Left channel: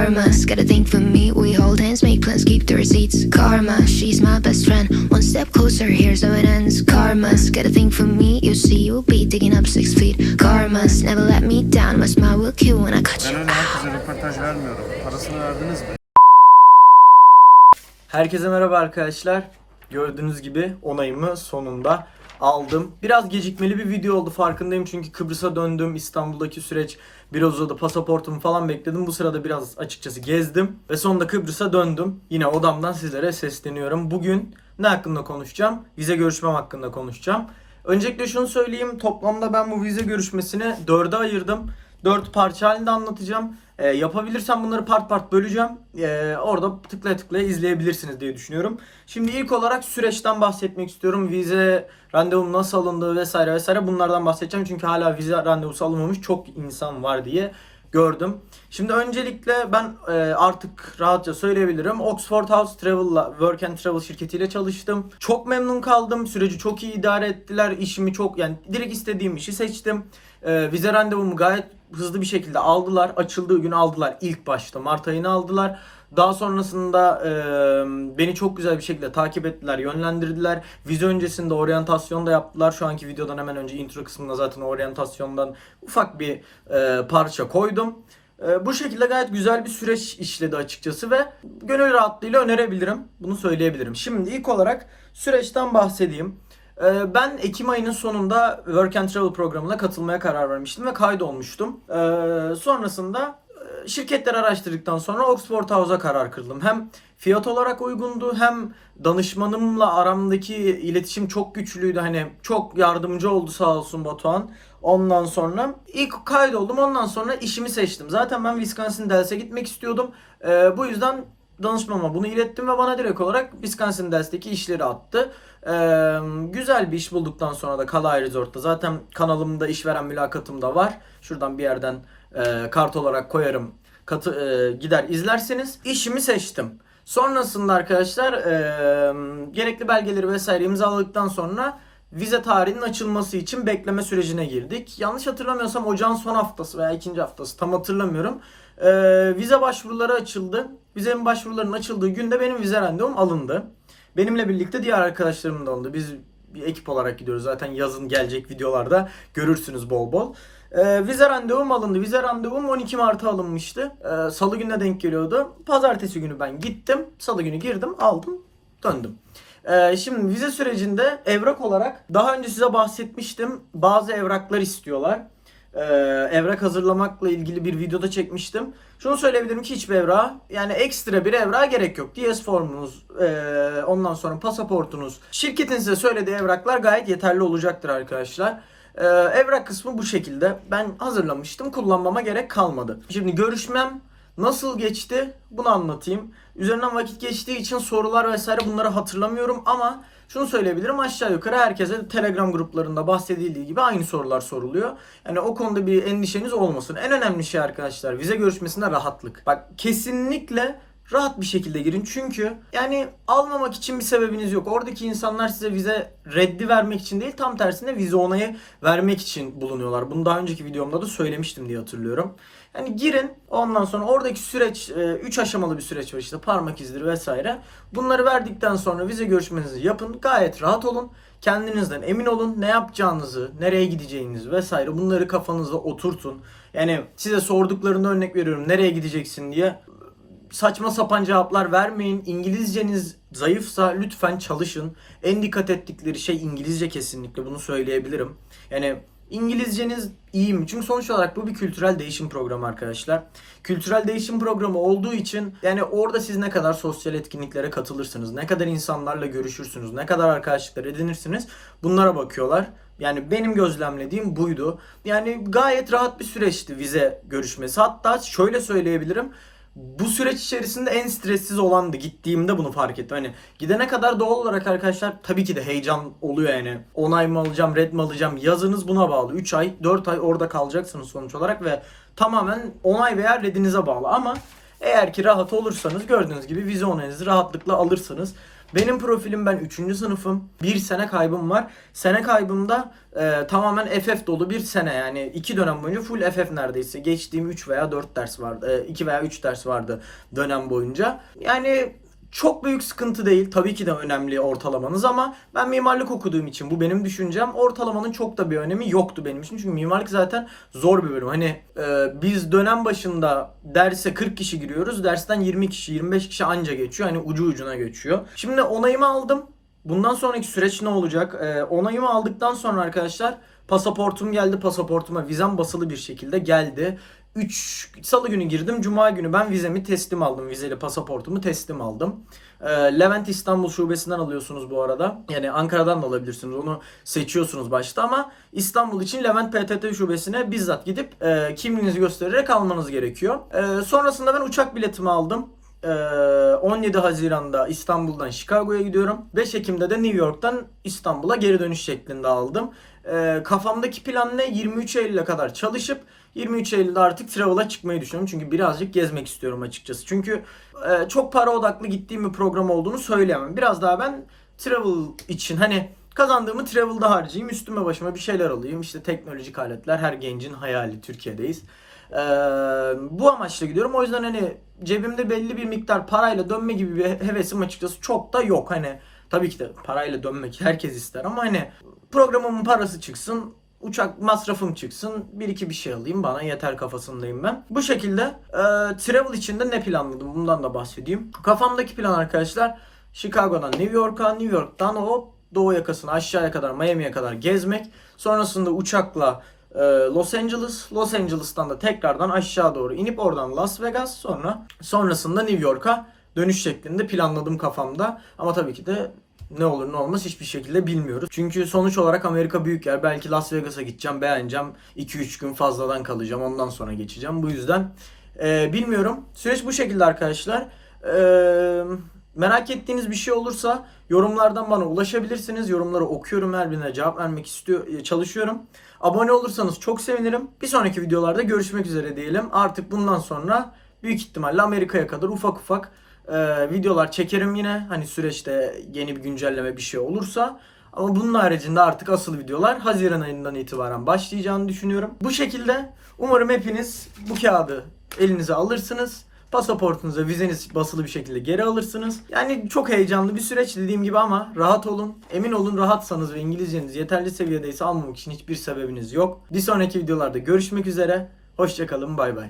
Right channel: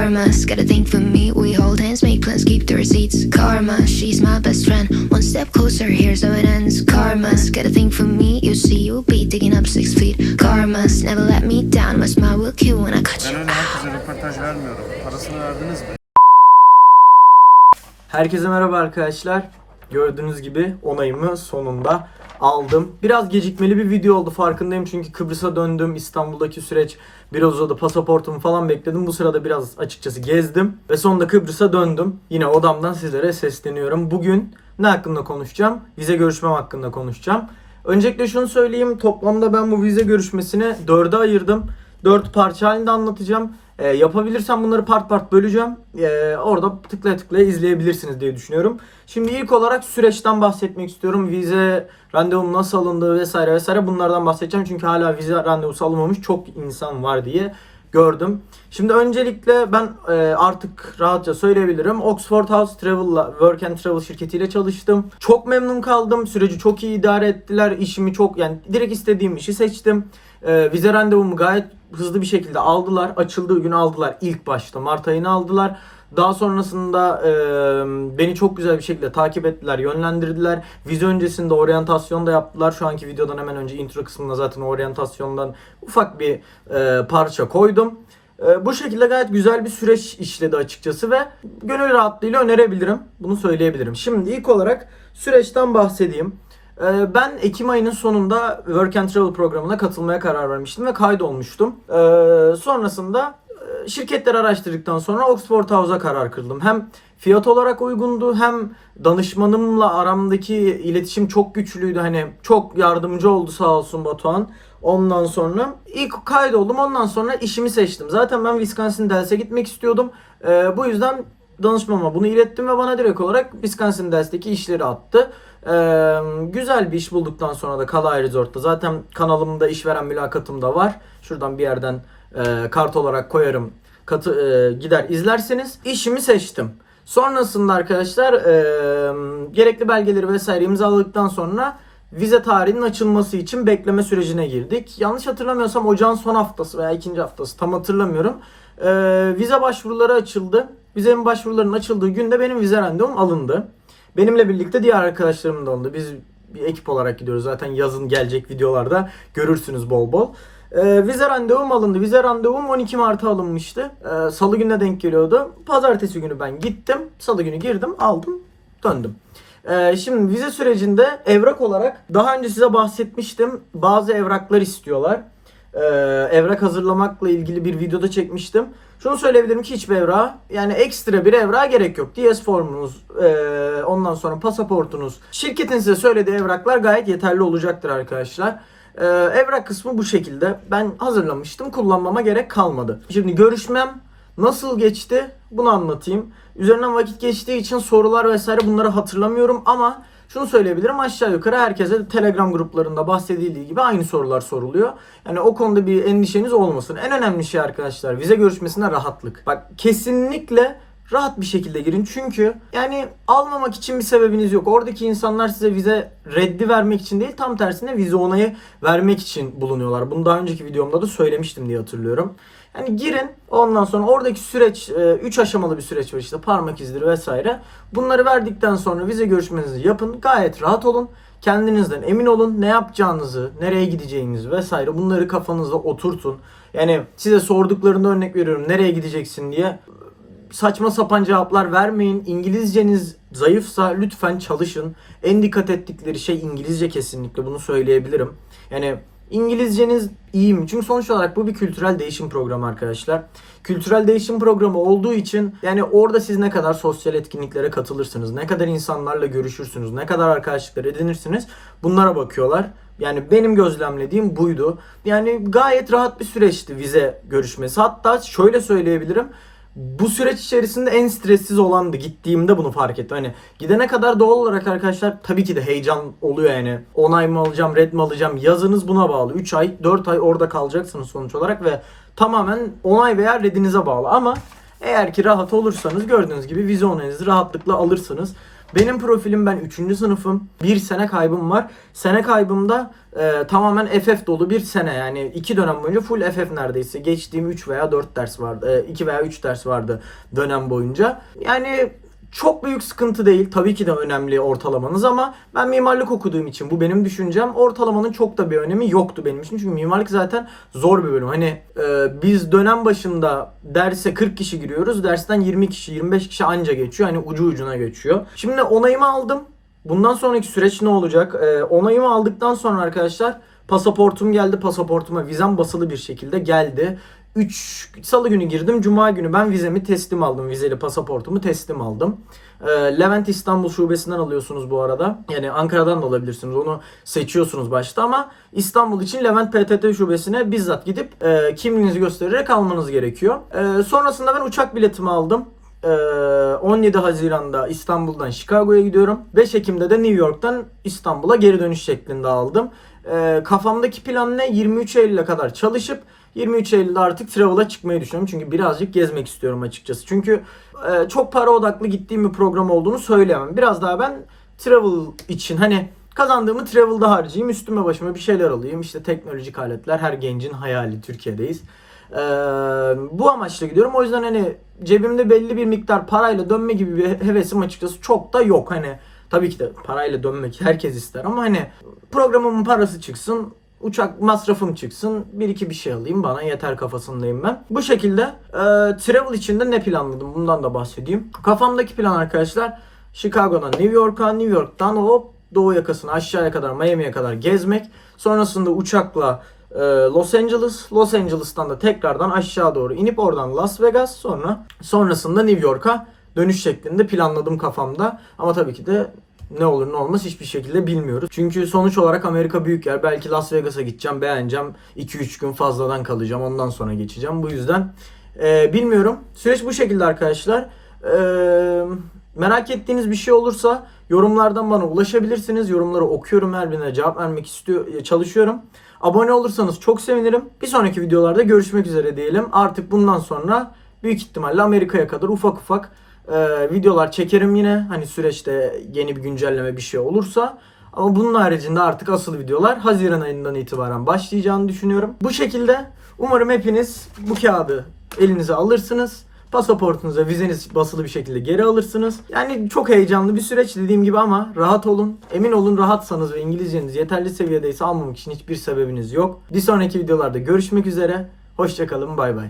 Karma's got a thing for me. We hold hands, make plans, keep the receipts. Karma, she's my best friend. One step closer, here's how it ends. Karma's got a thing for me. You see, you'll be digging up six feet. Karma's never let me down. My smile will kill when I cut Ben you. öyle herkese röportaj vermiyorum. Parasını verdiniz mi? Herkese merhaba arkadaşlar. Gördüğünüz gibi onayımı sonunda aldım. Biraz gecikmeli bir video oldu farkındayım çünkü Kıbrıs'a döndüm. İstanbul'daki süreç biraz uzadı. Pasaportumu falan bekledim. Bu sırada biraz açıkçası gezdim ve sonunda Kıbrıs'a döndüm. Yine odamdan sizlere sesleniyorum. Bugün ne hakkında konuşacağım? Vize görüşmem hakkında konuşacağım. Öncelikle şunu söyleyeyim. Toplamda ben bu vize görüşmesini dörde ayırdım. Dört parça halinde anlatacağım. Ee, yapabilirsem bunları part part böleceğim. Ee, orada tıklaya tıklaya izleyebilirsiniz diye düşünüyorum. Şimdi ilk olarak süreçten bahsetmek istiyorum. Vize randevum nasıl alındı vesaire vesaire bunlardan bahsedeceğim. Çünkü hala vize randevusu alınmamış çok insan var diye gördüm. Şimdi öncelikle ben e, artık rahatça söyleyebilirim. Oxford House Travel'la Work and Travel şirketiyle çalıştım. Çok memnun kaldım. Süreci çok iyi idare ettiler. İşimi çok yani direkt istediğim işi seçtim. E, vize randevumu gayet hızlı bir şekilde aldılar. Açıldığı gün aldılar ilk başta. Mart ayını aldılar. Daha sonrasında e, beni çok güzel bir şekilde takip ettiler, yönlendirdiler. Vize öncesinde oryantasyon da yaptılar. Şu anki videodan hemen önce intro kısmında zaten oryantasyondan ufak bir e, parça koydum. E, bu şekilde gayet güzel bir süreç işledi açıkçası ve gönül rahatlığıyla önerebilirim. Bunu söyleyebilirim. Şimdi ilk olarak süreçten bahsedeyim. Ben Ekim ayının sonunda Work and Travel programına katılmaya karar vermiştim ve kaydolmuştum. Sonrasında şirketleri araştırdıktan sonra Oxford House'a karar kıldım. Hem fiyat olarak uygundu hem danışmanımla aramdaki iletişim çok güçlüydü. Hani çok yardımcı oldu sağ olsun Batuhan. Ondan sonra ilk kaydoldum. Ondan sonra işimi seçtim. Zaten ben Wisconsin Dells'e gitmek istiyordum. E, bu yüzden danışmama bunu ilettim ve bana direkt olarak Wisconsin Dells'teki işleri attı. Ee, güzel bir iş bulduktan sonra da Kalay Resort'ta zaten kanalımda işveren mülakatım da var. Şuradan bir yerden e, kart olarak koyarım. Katı, e, gider izlerseniz işimi seçtim. Sonrasında arkadaşlar e, gerekli belgeleri vesaire imzaladıktan sonra vize tarihinin açılması için bekleme sürecine girdik. Yanlış hatırlamıyorsam ocağın son haftası veya ikinci haftası tam hatırlamıyorum. E, vize başvuruları açıldı. Vizenin başvurularının açıldığı günde benim vize randevum alındı. Benimle birlikte diğer arkadaşlarım da alındı. Biz bir ekip olarak gidiyoruz. Zaten yazın gelecek videolarda görürsünüz bol bol. Ee, vize randevum alındı. Vize randevum 12 Mart'a alınmıştı. Ee, Salı gününe denk geliyordu. Pazartesi günü ben gittim. Salı günü girdim, aldım, döndüm. Ee, şimdi vize sürecinde evrak olarak daha önce size bahsetmiştim. Bazı evraklar istiyorlar. Ee, evrak hazırlamakla ilgili bir videoda çekmiştim. Şunu söyleyebilirim ki hiçbir evrağa yani ekstra bir evrağa gerek yok. DS formunuz, ee, ondan sonra pasaportunuz, şirketin size söylediği evraklar gayet yeterli olacaktır arkadaşlar. Ee, evrak kısmı bu şekilde. Ben hazırlamıştım. Kullanmama gerek kalmadı. Şimdi görüşmem nasıl geçti bunu anlatayım. Üzerinden vakit geçtiği için sorular vesaire bunları hatırlamıyorum ama şunu söyleyebilirim aşağı yukarı herkese Telegram gruplarında bahsedildiği gibi aynı sorular soruluyor. Yani o konuda bir endişeniz olmasın. En önemli şey arkadaşlar vize görüşmesinde rahatlık. Bak kesinlikle rahat bir şekilde girin. Çünkü yani almamak için bir sebebiniz yok. Oradaki insanlar size vize reddi vermek için değil tam tersine vize onayı vermek için bulunuyorlar. Bunu daha önceki videomda da söylemiştim diye hatırlıyorum. Yani girin ondan sonra oradaki süreç 3 aşamalı bir süreç var işte parmak izleri vesaire. Bunları verdikten sonra vize görüşmenizi yapın. Gayet rahat olun. Kendinizden emin olun. Ne yapacağınızı, nereye gideceğinizi vesaire bunları kafanızda oturtun. Yani size sorduklarında örnek veriyorum nereye gideceksin diye saçma sapan cevaplar vermeyin. İngilizceniz zayıfsa lütfen çalışın. En dikkat ettikleri şey İngilizce kesinlikle bunu söyleyebilirim. Yani İngilizceniz iyi mi? Çünkü sonuç olarak bu bir kültürel değişim programı arkadaşlar. Kültürel değişim programı olduğu için yani orada siz ne kadar sosyal etkinliklere katılırsınız, ne kadar insanlarla görüşürsünüz, ne kadar arkadaşlıklar edinirsiniz bunlara bakıyorlar. Yani benim gözlemlediğim buydu. Yani gayet rahat bir süreçti vize görüşmesi. Hatta şöyle söyleyebilirim bu süreç içerisinde en stressiz olandı. Gittiğimde bunu fark ettim. Hani gidene kadar doğal olarak arkadaşlar tabii ki de heyecan oluyor yani. Onay mı alacağım, red mi alacağım? Yazınız buna bağlı. 3 ay, 4 ay orada kalacaksınız sonuç olarak ve tamamen onay veya redinize bağlı. Ama eğer ki rahat olursanız gördüğünüz gibi vize onayınızı rahatlıkla alırsınız. Benim profilim ben 3. sınıfım. Bir sene kaybım var. Sene kaybımda e, tamamen FF dolu bir sene yani iki dönem boyunca full FF neredeyse. Geçtiğim 3 veya 4 ders vardı. 2 veya 3 ders vardı dönem boyunca. Yani çok büyük sıkıntı değil. Tabii ki de önemli ortalamanız ama ben mimarlık okuduğum için bu benim düşüncem. Ortalamanın çok da bir önemi yoktu benim için. Çünkü mimarlık zaten zor bir bölüm. Hani e, biz dönem başında derse 40 kişi giriyoruz. Dersten 20 kişi, 25 kişi anca geçiyor. Hani ucu ucuna geçiyor. Şimdi onayımı aldım. Bundan sonraki süreç ne olacak? E, onayımı aldıktan sonra arkadaşlar pasaportum geldi. Pasaportuma vizem basılı bir şekilde geldi. 3 salı günü girdim. Cuma günü ben vizemi teslim aldım. Vizeli pasaportumu teslim aldım. Ee, Levent İstanbul şubesinden alıyorsunuz bu arada. Yani Ankara'dan da alabilirsiniz. Onu seçiyorsunuz başta ama İstanbul için Levent PTT şubesine bizzat gidip e, kimliğinizi göstererek almanız gerekiyor. E, sonrasında ben uçak biletimi aldım. Ee, 17 Haziran'da İstanbul'dan Chicago'ya gidiyorum. 5 Ekim'de de New York'tan İstanbul'a geri dönüş şeklinde aldım. Ee, kafamdaki plan ne? 23 Eylül'e kadar çalışıp 23 Eylül'de artık travel'a çıkmayı düşünüyorum. Çünkü birazcık gezmek istiyorum açıkçası. Çünkü e, çok para odaklı gittiğim bir program olduğunu söyleyemem. Biraz daha ben travel için hani kazandığımı travel'da harcayayım. Üstüme başıma bir şeyler alayım. İşte teknolojik aletler her gencin hayali. Türkiye'deyiz. Ee, bu amaçla gidiyorum. O yüzden hani cebimde belli bir miktar parayla dönme gibi bir hevesim açıkçası çok da yok. Hani tabii ki de parayla dönmek herkes ister ama hani programımın parası çıksın, uçak masrafım çıksın, bir iki bir şey alayım bana yeter kafasındayım ben. Bu şekilde e, travel içinde ne planladım bundan da bahsedeyim. Kafamdaki plan arkadaşlar Chicago'dan New York'a, New York'tan hop doğu yakasına aşağıya kadar Miami'ye kadar gezmek. Sonrasında uçakla Los Angeles, Los Angeles'tan da tekrardan aşağı doğru inip oradan Las Vegas sonra sonrasında New York'a dönüş şeklinde planladım kafamda. Ama tabii ki de ne olur ne olmaz hiçbir şekilde bilmiyoruz. Çünkü sonuç olarak Amerika büyük yer. Belki Las Vegas'a gideceğim, beğeneceğim. 2-3 gün fazladan kalacağım. Ondan sonra geçeceğim. Bu yüzden e, bilmiyorum. Süreç bu şekilde arkadaşlar. E, merak ettiğiniz bir şey olursa yorumlardan bana ulaşabilirsiniz. Yorumları okuyorum. Her birine cevap vermek istiyor, çalışıyorum. Abone olursanız çok sevinirim. Bir sonraki videolarda görüşmek üzere diyelim. Artık bundan sonra büyük ihtimalle Amerika'ya kadar ufak ufak e, videolar çekerim yine. Hani süreçte yeni bir güncelleme bir şey olursa. Ama bunun haricinde artık asıl videolar Haziran ayından itibaren başlayacağını düşünüyorum. Bu şekilde umarım hepiniz bu kağıdı elinize alırsınız. Pasaportunuza vizeniz basılı bir şekilde geri alırsınız. Yani çok heyecanlı bir süreç dediğim gibi ama rahat olun. Emin olun rahatsanız ve İngilizceniz yeterli seviyedeyse almamak için hiçbir sebebiniz yok. Bir sonraki videolarda görüşmek üzere. Hoşçakalın bay bay.